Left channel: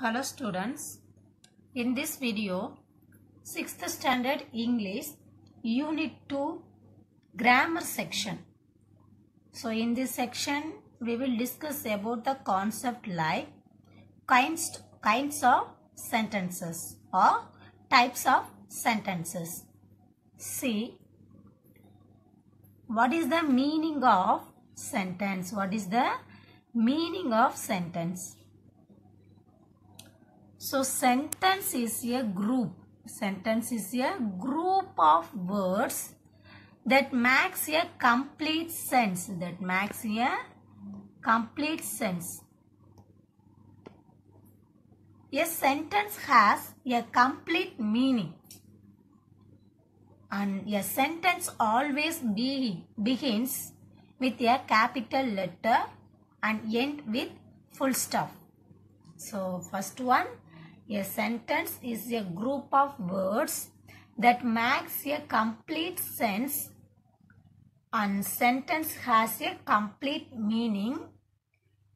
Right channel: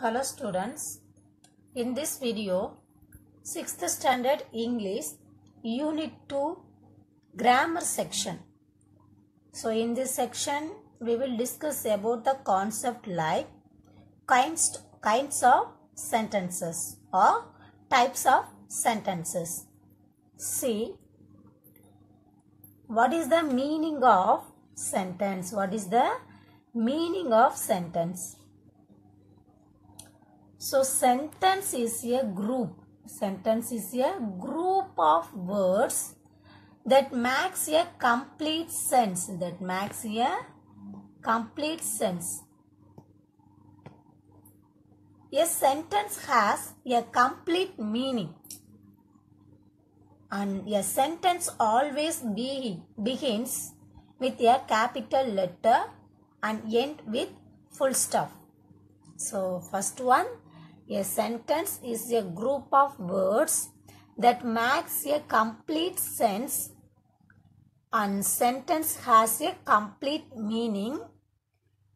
Hello students, in this video 6th standard English Unit 2 grammar section. So in this section we will discuss about the concept like kinds of sentences or types of sentences. See, what is the meaning of sentence? What is the meaning of sentence? So sentence is a group. Sentence is a group of words that makes a complete sense. That makes a complete sense. A sentence has a complete meaning. And a sentence always begins with a capital letter and end with full stop. So first one, a sentence is a group of words that makes a complete sense and sentence has a complete meaning.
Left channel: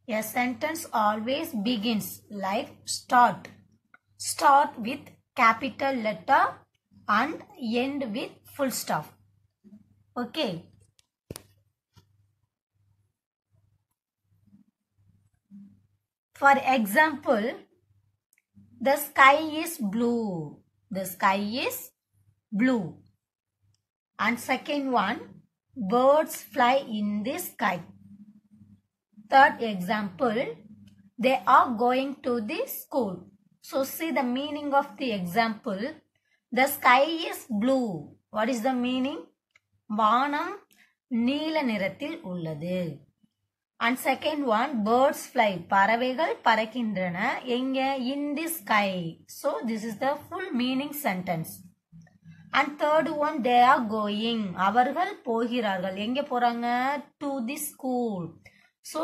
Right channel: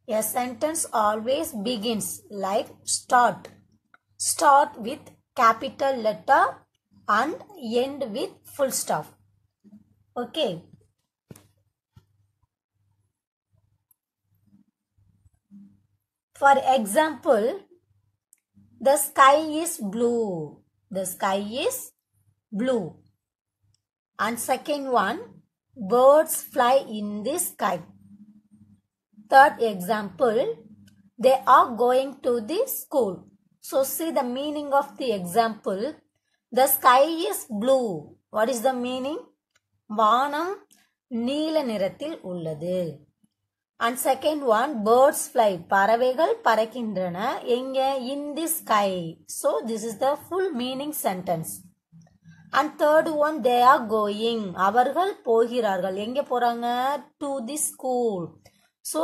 A sentence always begins like start with capital letter and end with full stop. Okay. For example, the sky is blue. The sky is blue. And second one, birds fly in the sky. Third example, they are going to the school. So see the meaning of the example. The sky is blue. What is the meaning? வானம் நீல நிறத்தில் உள்ளது. And second one, birds fly. பறவைகள் பறக்கின்றன. எங்க? In the sky. So this is the full meaning sentence. And third one, they are going. அவர்கள் போகிறார்கள். எங்க போறாங்க? To the school. So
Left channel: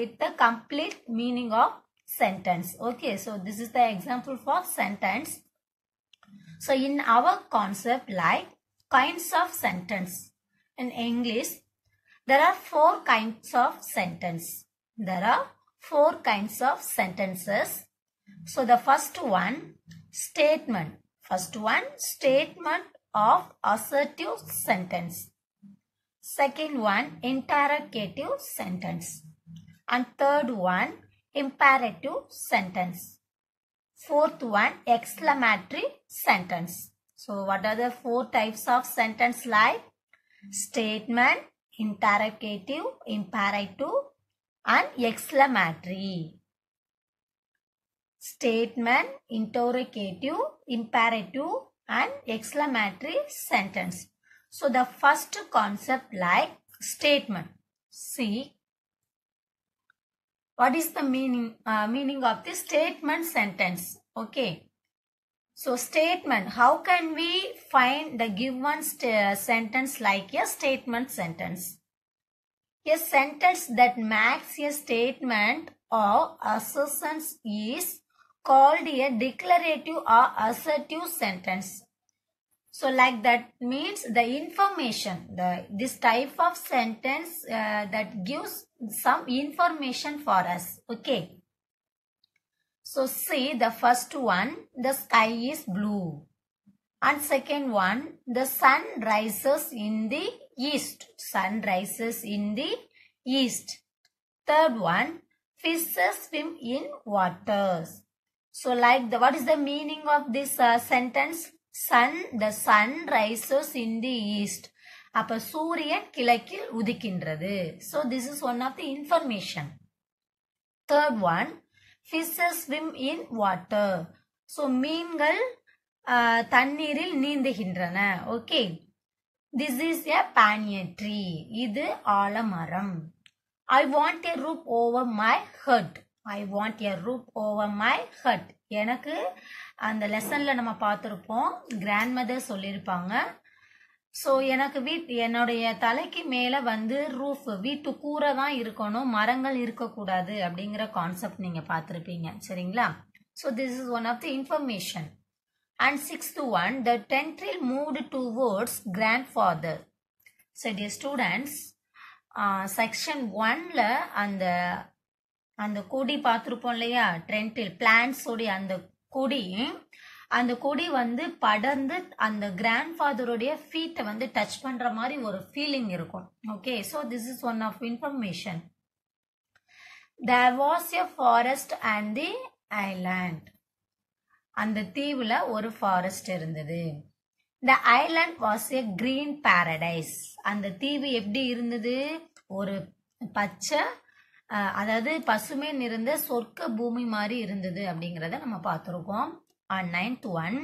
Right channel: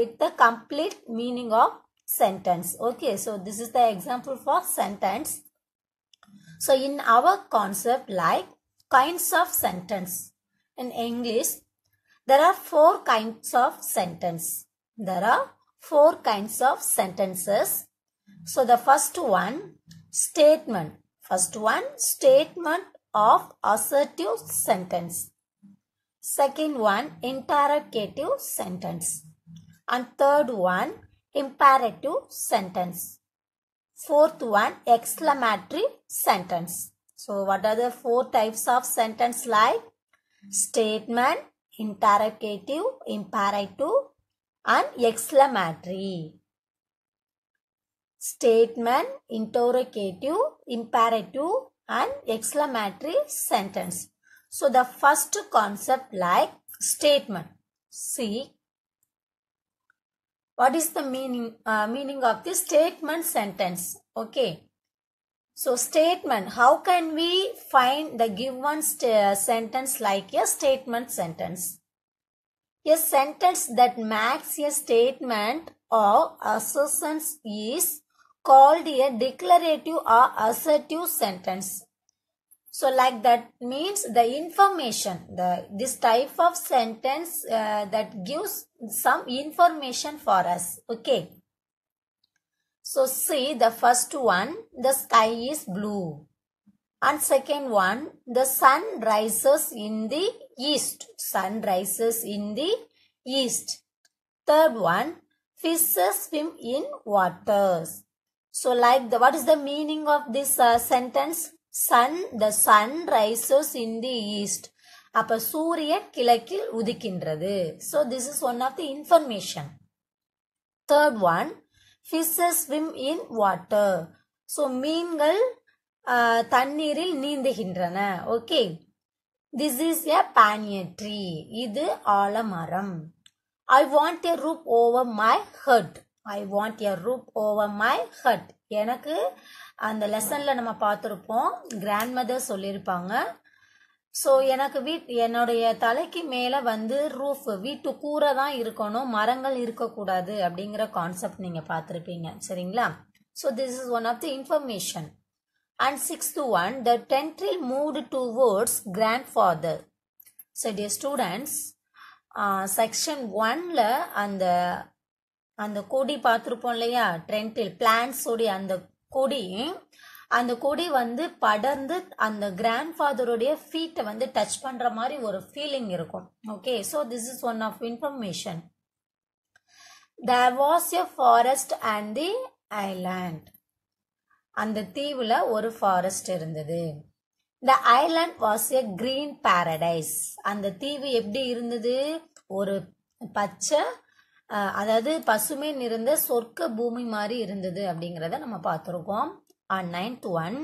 it's the complete meaning of sentence. Okay, so this is the example for sentence. So in our concept like kinds of sentence in English, there are 4 kinds of sentence. There are 4 kinds of sentences. So the first one, statement. First one, statement of assertive sentence. Second one, interrogative sentence. And third one, imperative sentence. Fourth one, exclamatory sentence. So what are the 4 types of sentence like? Statement, interrogative, imperative and exclamatory. Statement, interrogative, imperative and exclamatory sentence. So the first concept like statement. See, what is the meaning of the statement sentence? Okay. So statement, how can we find the given sentence like a statement sentence? A sentence that makes a statement or assertions is called a declarative or assertive sentence. So like that means the information, this type of sentence that gives some information for us. Okay. So see the first one, the sky is blue. And second one, the sun rises in the east. Sun rises in the east. Third one, fishes swim in waters. So like what is the meaning of this sentence? The sun rises in the east. அப்ப சூரியன் கிழக்கில் உதிக்கின்றது. So this is one of the information. Third one, fishes swim in water. So மீன்கள் தண்ணீரில் நீந்துகின்றன. Okay. This is a banyan tree. இது ஆலமரம். I want a roof over my head. I want a roof over my head. எனக்கு அந்த லெசன்ல நம்ம பார்த்திருப்போம். Grandmother சொல்லியிருப்பாங்க. So எனக்கு என்னுடைய தலைக்கு மேலே வந்து ரூஃப் வீட்டு கூரை தான் இருக்கணும், மரங்கள் இருக்கக்கூடாது அப்படிங்கிற கான்செப்ட் நீங்கள் பார்த்துருப்பீங்க. சரிங்களா? So this is one of the information. And 6th one, the tentril moved towards grandfather. So dear students, section 1ல அந்த அந்த கொடி பார்த்துருப்போம் இல்லையா, ட்ரெண்டில் பிளான்ஸ் உடைய அந்த கொடி வந்து படர்ந்து அந்த கிராண்ட் ஃபாதருடைய ஃபீட்டை வந்து டச் பண்ற மாதிரி ஒரு ஃபீலிங் இருக்கும். Okay, so this is one of information. There was a forest and the island. அந்த தீவுல ஒரு ஃபாரஸ்ட் இருந்தது. The island was a green paradise. அந்த தீவு எப்படி இருந்தது? ஒரு பச்சை, அதாவது பசுமை நிறைந்த சொர்க்க பூமி மாதிரி இருந்தது அப்படிங்கிறத நம்ம பார்த்துருக்கோம். On 9th one,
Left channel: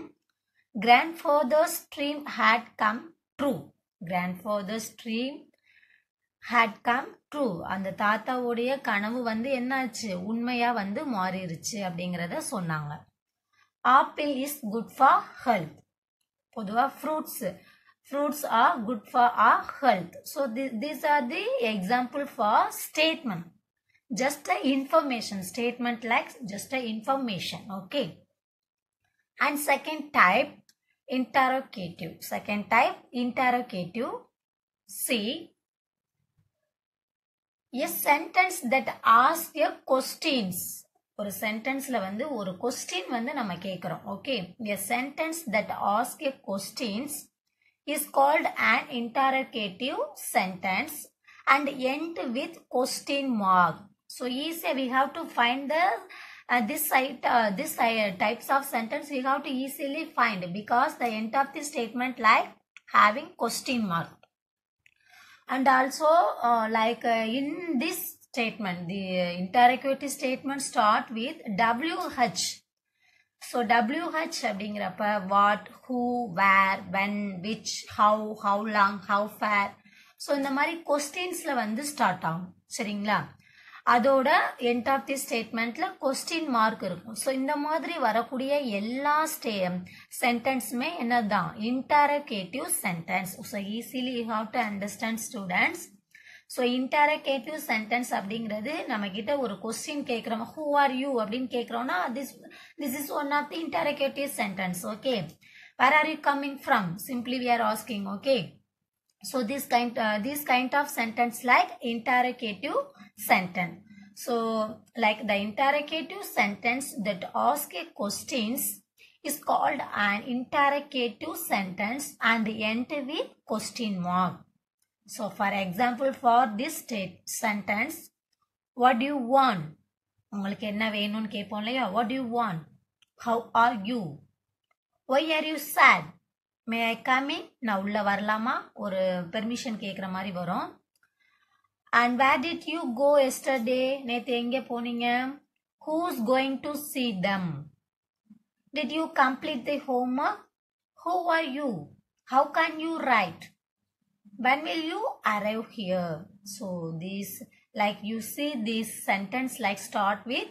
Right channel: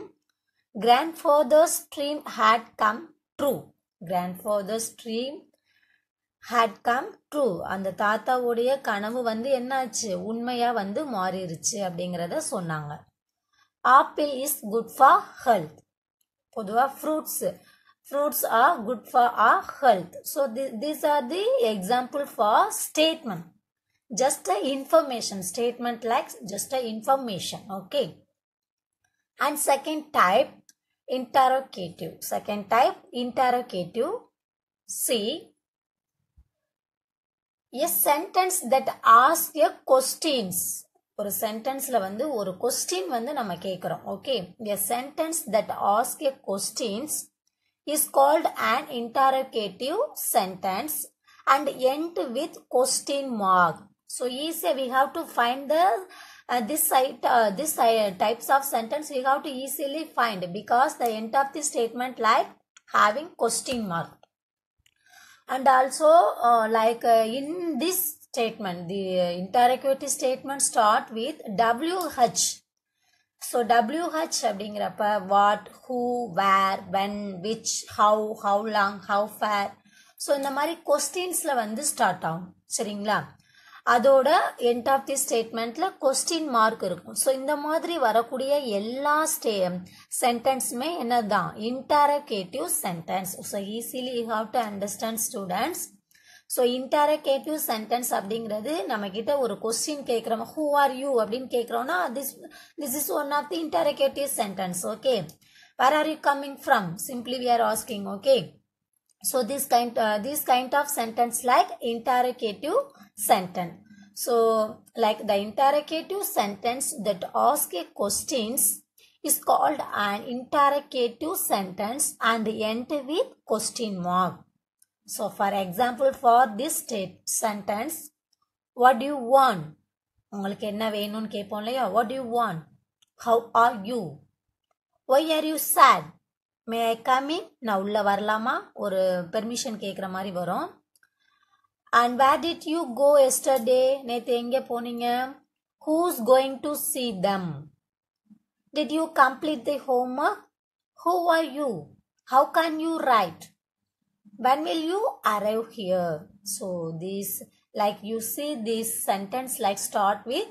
grandfather's dream had come true. Grandfather's dream had come true. அந்த தாத்தாவுடைய கனவு வந்து என்னாச்சு? உண்மையா வந்து மாறிடுச்சு அப்படிங்கிறத சொன்னாங்க. Apple is good for health. பொதுவா fruits are good for our health. So these are the example for statement. Just a information statement, like just a information. Okay. And second type, interrogative. Second type, interrogative. See, a sentence that asks a questions. ஒரு சென்டென்ஸ்ல வந்து ஒரு question வந்து நம்ம கேட்கிறோம். Okay, a sentence that asks a questions is called an interrogative sentence and end with question mark. So easy we have to find the this types of sentence we have to easily find because the end of the statement like having question mark. And also in this statement, the interrogative statement start with WH. So WH அப்படிங்கிறப்ப what, who, where, when, which, how long, how far. So இந்த மாதிரி கொஸ்டின்ஸ்ல வந்து start ஆகும். சரிங்களா? அதோட end of the ஸ்டேட்மெண்ட்ல question mark இருக்கும். So இந்த மாதிரி வரக்கூடிய எல்லா சென்டென்ஸுமே என்னதான்? Interrogative sentence. So easily you have to understand students. So interrogative sentence அப்படிங்கிறது நம்ம கிட்ட ஒரு கொஸ்டின் கேட்குறோம், ஹூ ஆர் யூ அப்படின்னு கேட்குறோம்னா this is one of the interrogative sentence. Okay, where are you coming from? Simply we are asking. Okay, so this kind of sentence like interrogative sentence. So like the interrogative sentence that ask a questions is called an interrogative sentence and end with question mark. So for example, for this sentence, what do you want? உங்களுக்கு என்ன வேணும்னு கேட்போம் இல்லையா? What do you want? How are you? Why are you sad? May I come in? நான் உள்ள வரலாமா? ஒரு permission கேட்குற மாதிரி வரும். And where did you go yesterday? நேற்று எங்கே போனீங்க? Who's going to see them? Did you complete the homework? Who are you? How can you write? when will you arrive here? So this, like you see this sentence like start with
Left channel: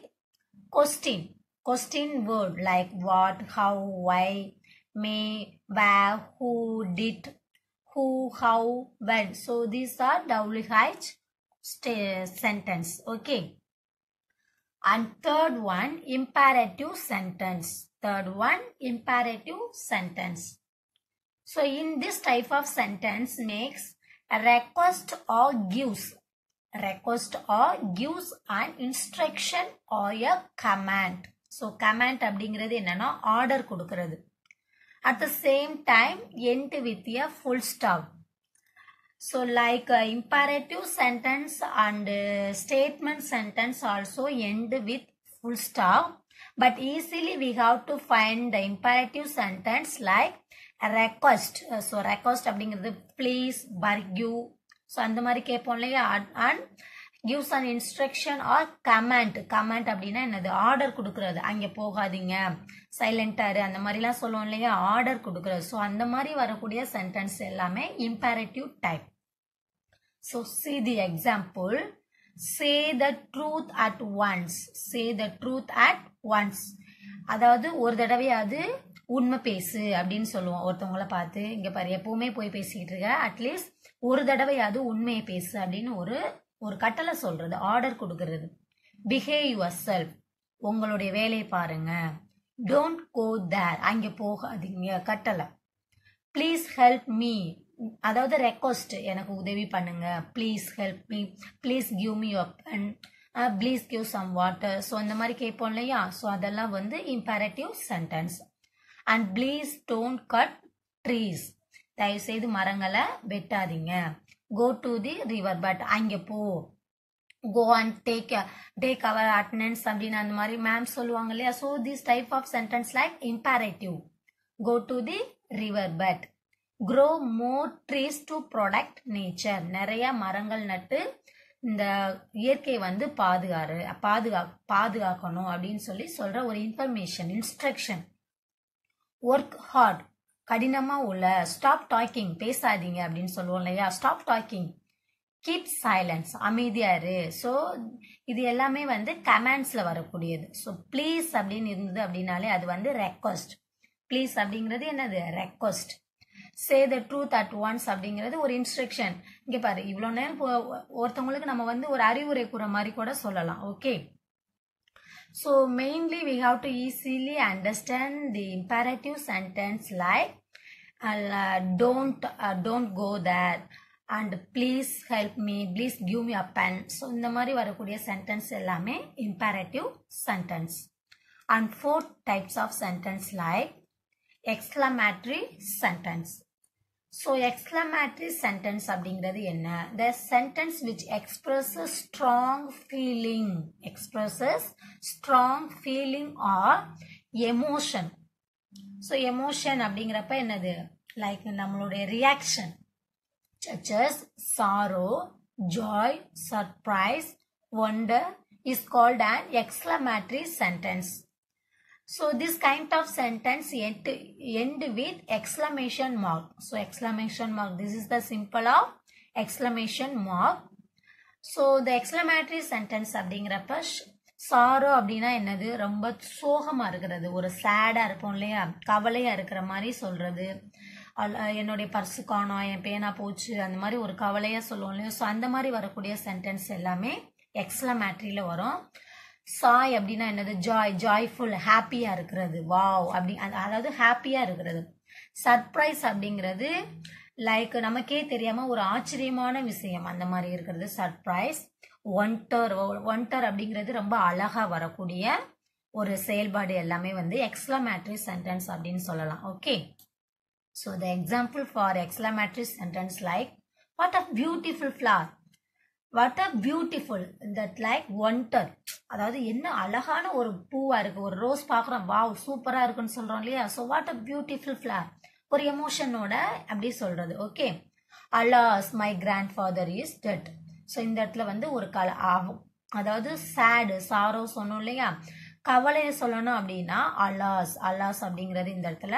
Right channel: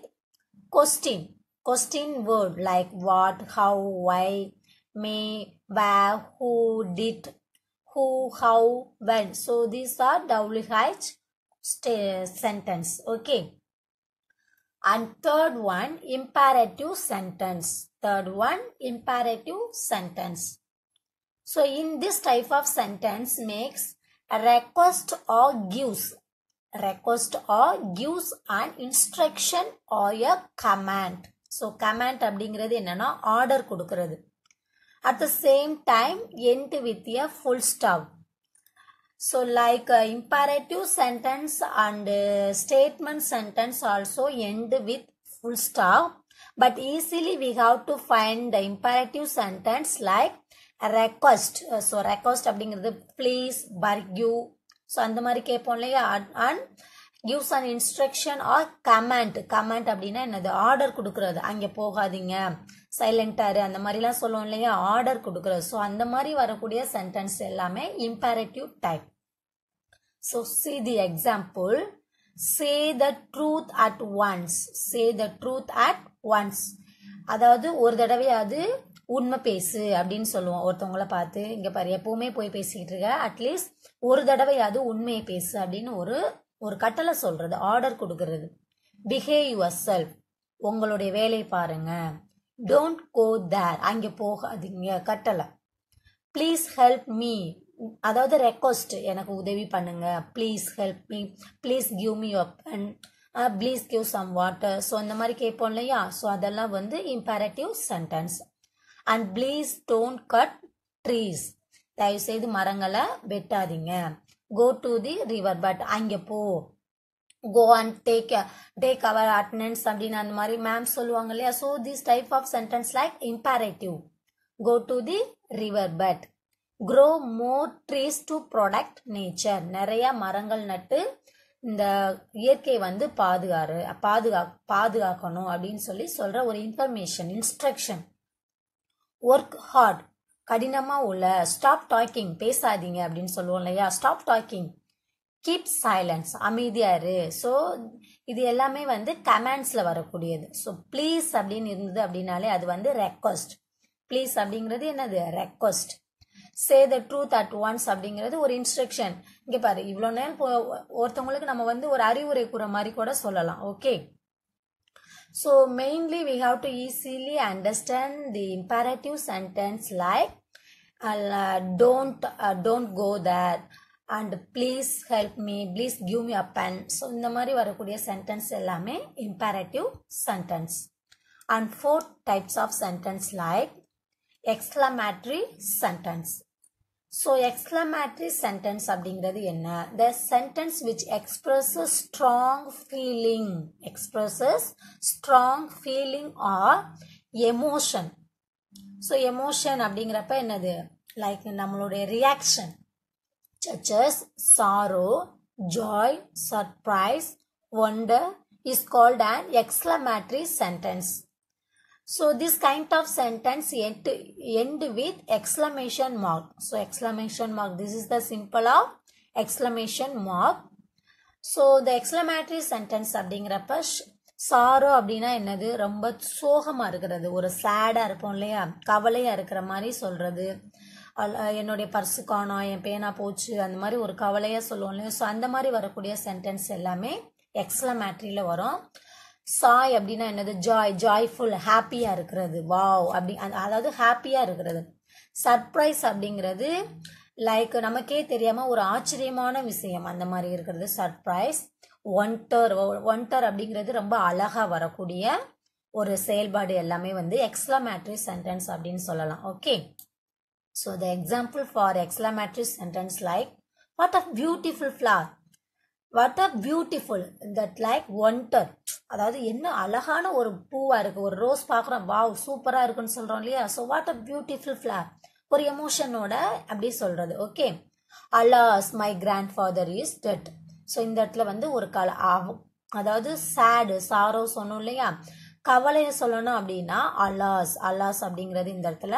question word like what, how, why, may, where, who, did, who, how, when. So these are WH sentence. Okay. And third one, imperative sentence. So in this type of sentence makes a request or gives an instruction or a command. So command அப்படிங்கிறது என்னன்னா order கொடுக்கிறது. At the same time end with a full stop. So like imperative sentence and statement sentence also end with full stop. But easily we have to find the imperative sentence like a request. So request அப்படிங்கிறது please, beg you. So அந்த மாதிரி கேட்போம் இல்லையா? and gives an instruction or command. command அப்படின்னா என்னது? Order கொடுக்கறது. அங்கே போகாதீங்க, சைலண்டாரு, அந்த மாதிரிலாம் சொல்லுவோம் இல்லையா? ஆர்டர் கொடுக்கறது. ஸோ அந்த மாதிரி வரக்கூடிய சென்டென்ஸ் எல்லாமே imperative type. So see the example. Say the truth at once. அதாவது ஒரு தடவையாவது உண்மை பேசு அப்படின்னு சொல்லுவோம் ஒருத்தவங்களை பார்த்து. இங்க பாரு, எப்பவுமே போய் பேசிக்கிட்டு இருக்க, அட்லீஸ்ட் ஒரு தடவையாவது உண்மையை பேசு அப்படின்னு ஒரு கட்டளை சொல்றது, ஆர்டர் கொடுக்கறது. பிஹேவ் யுவர் செல்ஃப், உங்களுடைய வேலையை பாருங்க. டோன்ட் கோ தேர், அங்கே போகாதீங்க, கட்டளை. ப்ளீஸ் ஹெல்ப் மீ, அதாவது ரெக்வஸ்ட், எனக்கு உதவி பண்ணுங்க. Please help me, please give me your pen, please give some water. So இந்த மாதிரி கேட்போம் இல்லையா, ஸோ அதெல்லாம் வந்து imperative sentence. And please don't cut trees, தயவுசெய்து மரங்களை வெட்டாதீங்க. Go to the river but, அங்கே போ. Go and take our attendance அப்படின்னு அந்த மாதிரி மேம் சொல்லுவாங்க இல்லையா. So this type of sentence like imperative. Go to the river but. grow more trees to protect nature, நிறைய மரங்கள் நட்டு இந்த இயற்கை வந்து பாதுகாக்கணும் அப்படின்னு சொல்லி சொல்ற ஒரு இன்ஃபர்மேஷன், இன்ஸ்ட்ரக்ஷன். ஒர்க் ஹார்ட், கடினமா உள்ள. ஸ்டாப் டாக்கிங், பேசாதீங்க அப்படின்னு சொல்லுவோம் இல்லையா. Stop talking. கீப் சைலன்ஸ், அமைதியாரு. ஸோ இது எல்லாமே வந்து கமாண்ட்ஸ்ல வரக்கூடியது. ஸோ ப்ளீஸ் அப்படின்னு இருந்தது அப்படின்னாலே அது வந்து ரெக்வஸ்ட். ப்ளீஸ் அப்படிங்கிறது என்னது, request. Say the truth at once அப்படிங்கிறது ஒரு இன்ஸ்ட்ரக்ஷன். இங்கே பாரு, இவ்வளோ நேரம் ஒருத்தவங்களுக்கு நம்ம வந்து ஒரு அறிவுரை கூற மாதிரி கூட சொல்லலாம். Okay, so mainly we have to easily understand the imperative sentence like don't go there and please help me, please give me a pen. So இந்த மாதிரி வரக்கூடிய சென்டென்ஸ் எல்லாமே imperative sentence. And 4 types of sentence like exclamatory sentence. So exclamatory sentence அப்படிங்கிறது என்ன? The sentence which expresses strong feeling or emotion. So emotion அப்படிங்கிறப்ப என்னது, like நம்மளுடைய reaction such as sorrow, joy, surprise, wonder is called an exclamatory sentence. So this kind of sentence end with exclamation mark. So exclamation mark, this is the symbol of exclamation mark. So the exclamatory sentence அப்படிங்கிறப்ப sorrow அப்படின்னா என்னது, ரொம்ப சோகமா இருக்கிறது, ஒரு சேடா இருப்போம் இல்லையா, கவலையா இருக்கிற மாதிரி சொல்றது. என்னுடைய பர்சு காணோம், என் பேனா போச்சு, அந்த மாதிரி ஒரு கவலையா சொல்லுவோம் இல்லையா. ஸோ அந்த மாதிரி வரக்கூடிய சென்டென்ஸ் எல்லாமே எக்ஸ்க்ளமேட்டரியில வரும். சாய் அப்படின்னா என்னது, ஜாய்ஃபுல், ஹாப்பியா இருக்கிறது, வாவ் அப்படி, அதாவது ஹாப்பியா இருக்கிறது. சர்ப்ரைஸ் அப்படிங்கிறது லைக் நமக்கே தெரியாம ஒரு ஆச்சரியமான விஷயம், அந்த மாதிரி இருக்கிறது சர்ப்ரைஸ். ஒன்டர் அப்படிங்கிறது ரொம்ப அழகா வரக்கூடிய ஒரு செயல்பாடு எல்லாமே வந்து எக்ஸ்க்ளமேட்டரி சென்டென்ஸ் அப்படின்னு சொல்லலாம். Okay, so the example for exclamatory sentence like what a beautiful flower, what a beautiful that like wonder, அதாவது என்ன அழகான ஒரு பூவா இருக்கு, ஒரு ரோஸ் பார்க்குறோம், வாவ் சூப்பரா இருக்குன்னு சொல்றோம் இல்லையா. So what a beautiful flower, ஒரு எமோஷனோட அப்படி சொல்றது. Okay, alas my grandfather is dead. So இந்த இடத்துல வந்து ஒரு அதாவது சேடு, சாரோ சொன்னோம் இல்லையா, கவலையை சொல்லணும் அப்படின்னா அலாஸ் அப்படிங்கிறது இந்த இடத்துல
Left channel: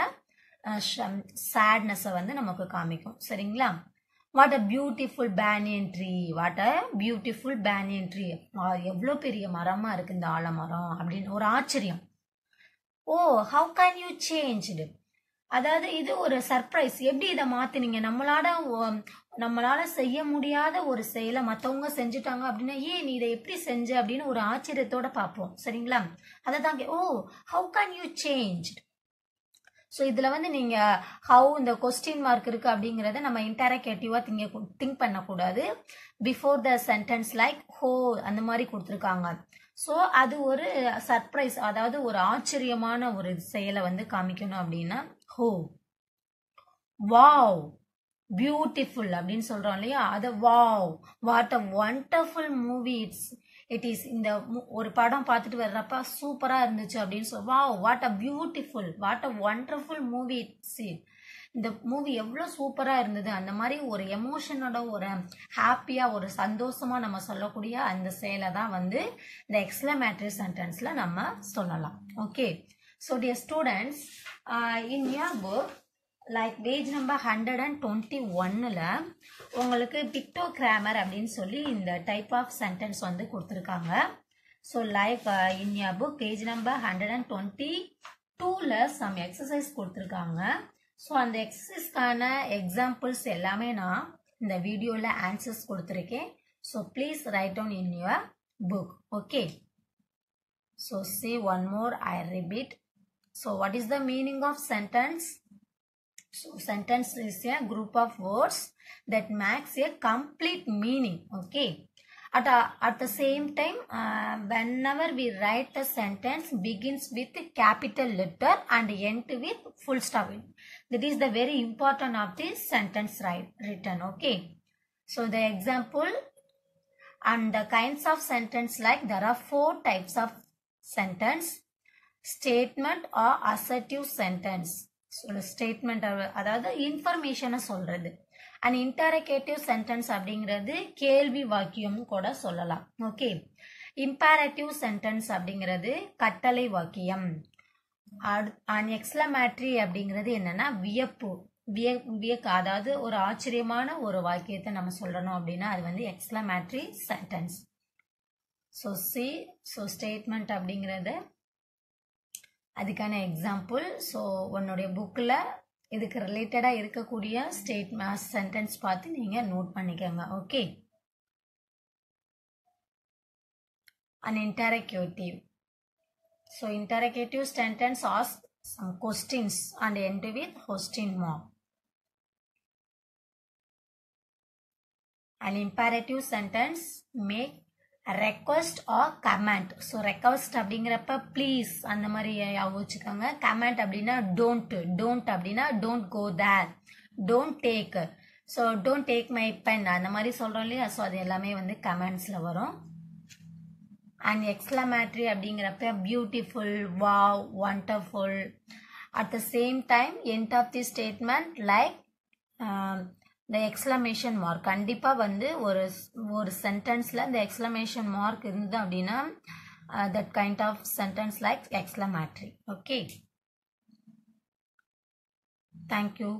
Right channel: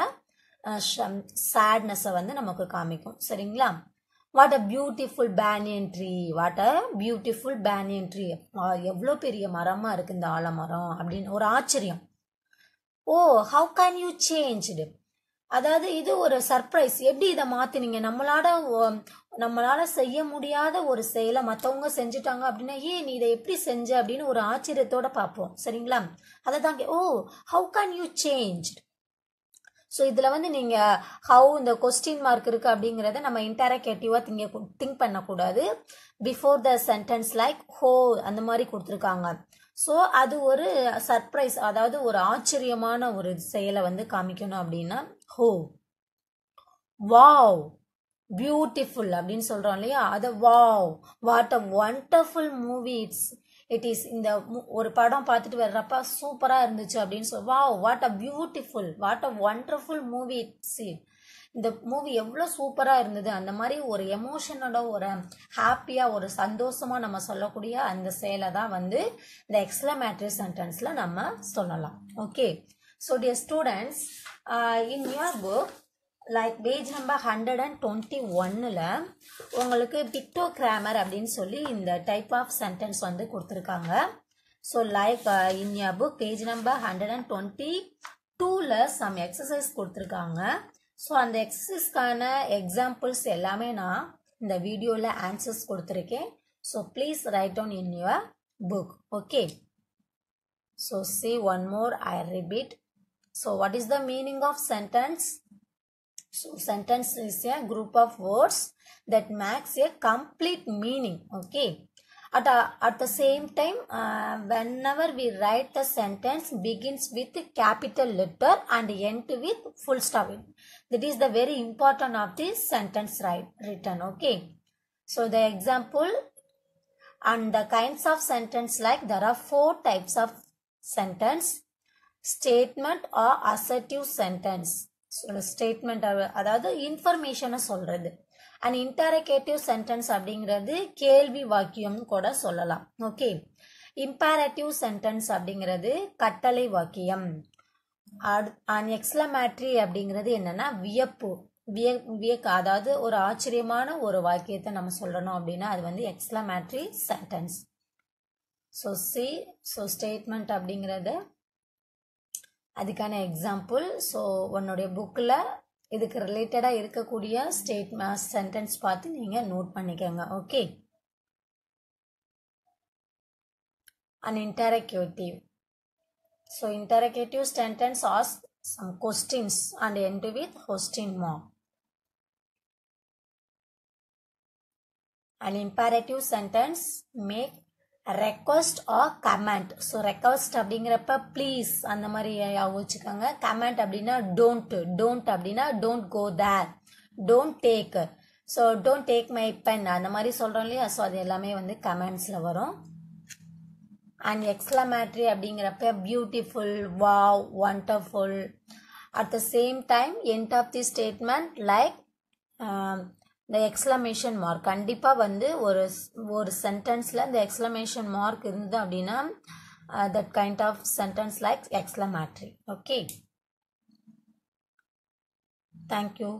சேட்னஸை வந்து நமக்கு காமிக்கும். சரிங்களா. What a beautiful banyan tree, what a beautiful banyan tree, எவ்வளோ பெரிய மரமா இருக்கு இந்த ஆலமரம் அப்படின்னு ஒரு ஆச்சரியம். ஓ ஹவு கேன் யூ சேஞ்ச்டு, அதாவது இது ஒரு சர்ப்ரைஸ், எப்படி இதை மாத்தினீங்க, நம்மளால செய்ய முடியாத ஒரு செயலை மற்றவங்க செஞ்சுட்டாங்க அப்படின்னா ஏன் நீ இதை எப்படி செஞ்ச அப்படின்னு ஒரு ஆச்சரியத்தோட பார்ப்போம். சரிங்களா. அதை தாங்க ஓ how can you change. So இதில் வந்து நீங்கள் ஹவு இந்த கொஸ்டின் மார்க் இருக்குது அப்படிங்கிறத நம்ம இன்டராக்டிவாக திங்க் பண்ணக்கூடாது. பிஃபோர் த சென்டென்ஸ் லைக் ஹோ அந்த மாதிரி கொடுத்துருக்காங்க. ஸோ அது ஒரு சர்ப்ரைஸ், அதாவது ஒரு ஆச்சரியமான ஒரு செயலை வந்து காமிக்கணும் அப்படின்னா ஹோ. வாவ் பியூட்டிஃபுல் அப்படின்னு சொல்கிறோம் இல்லையா, அது wow what a wonderful movie it is. இந்த ஒரு படம் பார்த்துட்டு வர்றப்ப சூப்பராக இருந்துச்சு அப்படின்னு சொல்லி wow what a beautiful, what a wonderful movie it's, இந்த மூவி எவ்வளோ சூப்பராக இருந்தது, அந்த மாதிரி ஒரு எமோஷனோட ஒரு ஹாப்பியாக ஒரு சந்தோஷமாக நம்ம சொல்லக்கூடிய அந்த செயலை தான் வந்து இந்த எக்ஸ்க்ளமேட்டரி சென்டென்ஸில் நம்ம சொல்லலாம். Okay, so dear students, in your book like page number 121ல் உங்களுக்கு பிக்டோகிராமர் அப்படின்னு சொல்லி இந்த டைப் ஆஃப் சென்டென்ஸ் வந்து கொடுத்துருக்காங்க. So like in your book page number 122ல் சம் எக்ஸசைஸ் கொடுத்துருக்காங்க. ஸோ அந்த எக்ஸசைஸ்க்கான எக்ஸாம்பிள்ஸ் எல்லாமே நான் இந்த வீடியோவில் ஆன்சர்ஸ் கொடுத்துருக்கேன். So please write down in your book. Okay, so see one more I repeat. So what is the meaning of sentence? So sentence is a group of words that makes a complete meaning. Okay, At the same time, whenever we write the sentence begins with capital letter and end with full stop. That is the very important of this sentence written. Okay. So the example and the kinds of sentence, like there are 4 types of sentence: statement or assertive sentence. So statement அதாவது இன்ஃபர்மேஷனை சொல்றது. And இன்டரகேட்டிவ் sentence அப்படிங்கிறது கேள்வி வாக்கியம் கூட சொல்லலாம். Okay. Imperative sentence அப்படிங்கிறது கட்டளை வாக்கியம். அண்ட் எக்ஸ்க்ளமேட்டரி அப்படிங்கிறது என்னன்னா வியப்பு, அதாவது ஒரு ஆச்சரியமான ஒரு வாக்கியத்தை நம்ம சொல்லணும் அப்படின்னா அது வந்து எக்ஸ்க்ளமேட்டரி சென்டென்ஸ். ஸோ ஸ்டேட்மெண்ட் அப்படிங்கிறது அதுக்கான எக்ஸாம்பிள். ஸோ உன்னுடைய புக்கில் இதுக்கு ரிலேட்டடாக இருக்கக்கூடிய சென்டென்ஸ் பார்த்து நீங்கள் நோட் பண்ணிக்கோங்க. Okay. And interrogative. So interrogative sentence ask some questions and end with question mark. An imperative sentence make request or command. So request அப்படிங்கிறப்ப please அந்த மாதிரி யோசிச்சுக்கோங்க. command அப்படின்னா don't அப்படின்னா don't go there, don't take. So don't take my pen அந்த மாதிரி சொல்றோம் இல்லையா. So அது எல்லாமே வந்து கமெண்ட்ஸ்ல வரும். அண்ட் எக்ஸ்க்ளமேட்டரி அப்படிங்கிறப்ப beautiful, wow, wonderful. At the same time end of the statement like இந்த எக்ஸ்க்ளமேஷன் மார்க். கண்டிப்பாக வந்து ஒரு சென்டென்ஸில் இந்த எக்ஸ்க்ளமேஷன் மார்க் இருந்தது அப்படின்னா that kind of sentence like exclamatory. Okay. Thank you.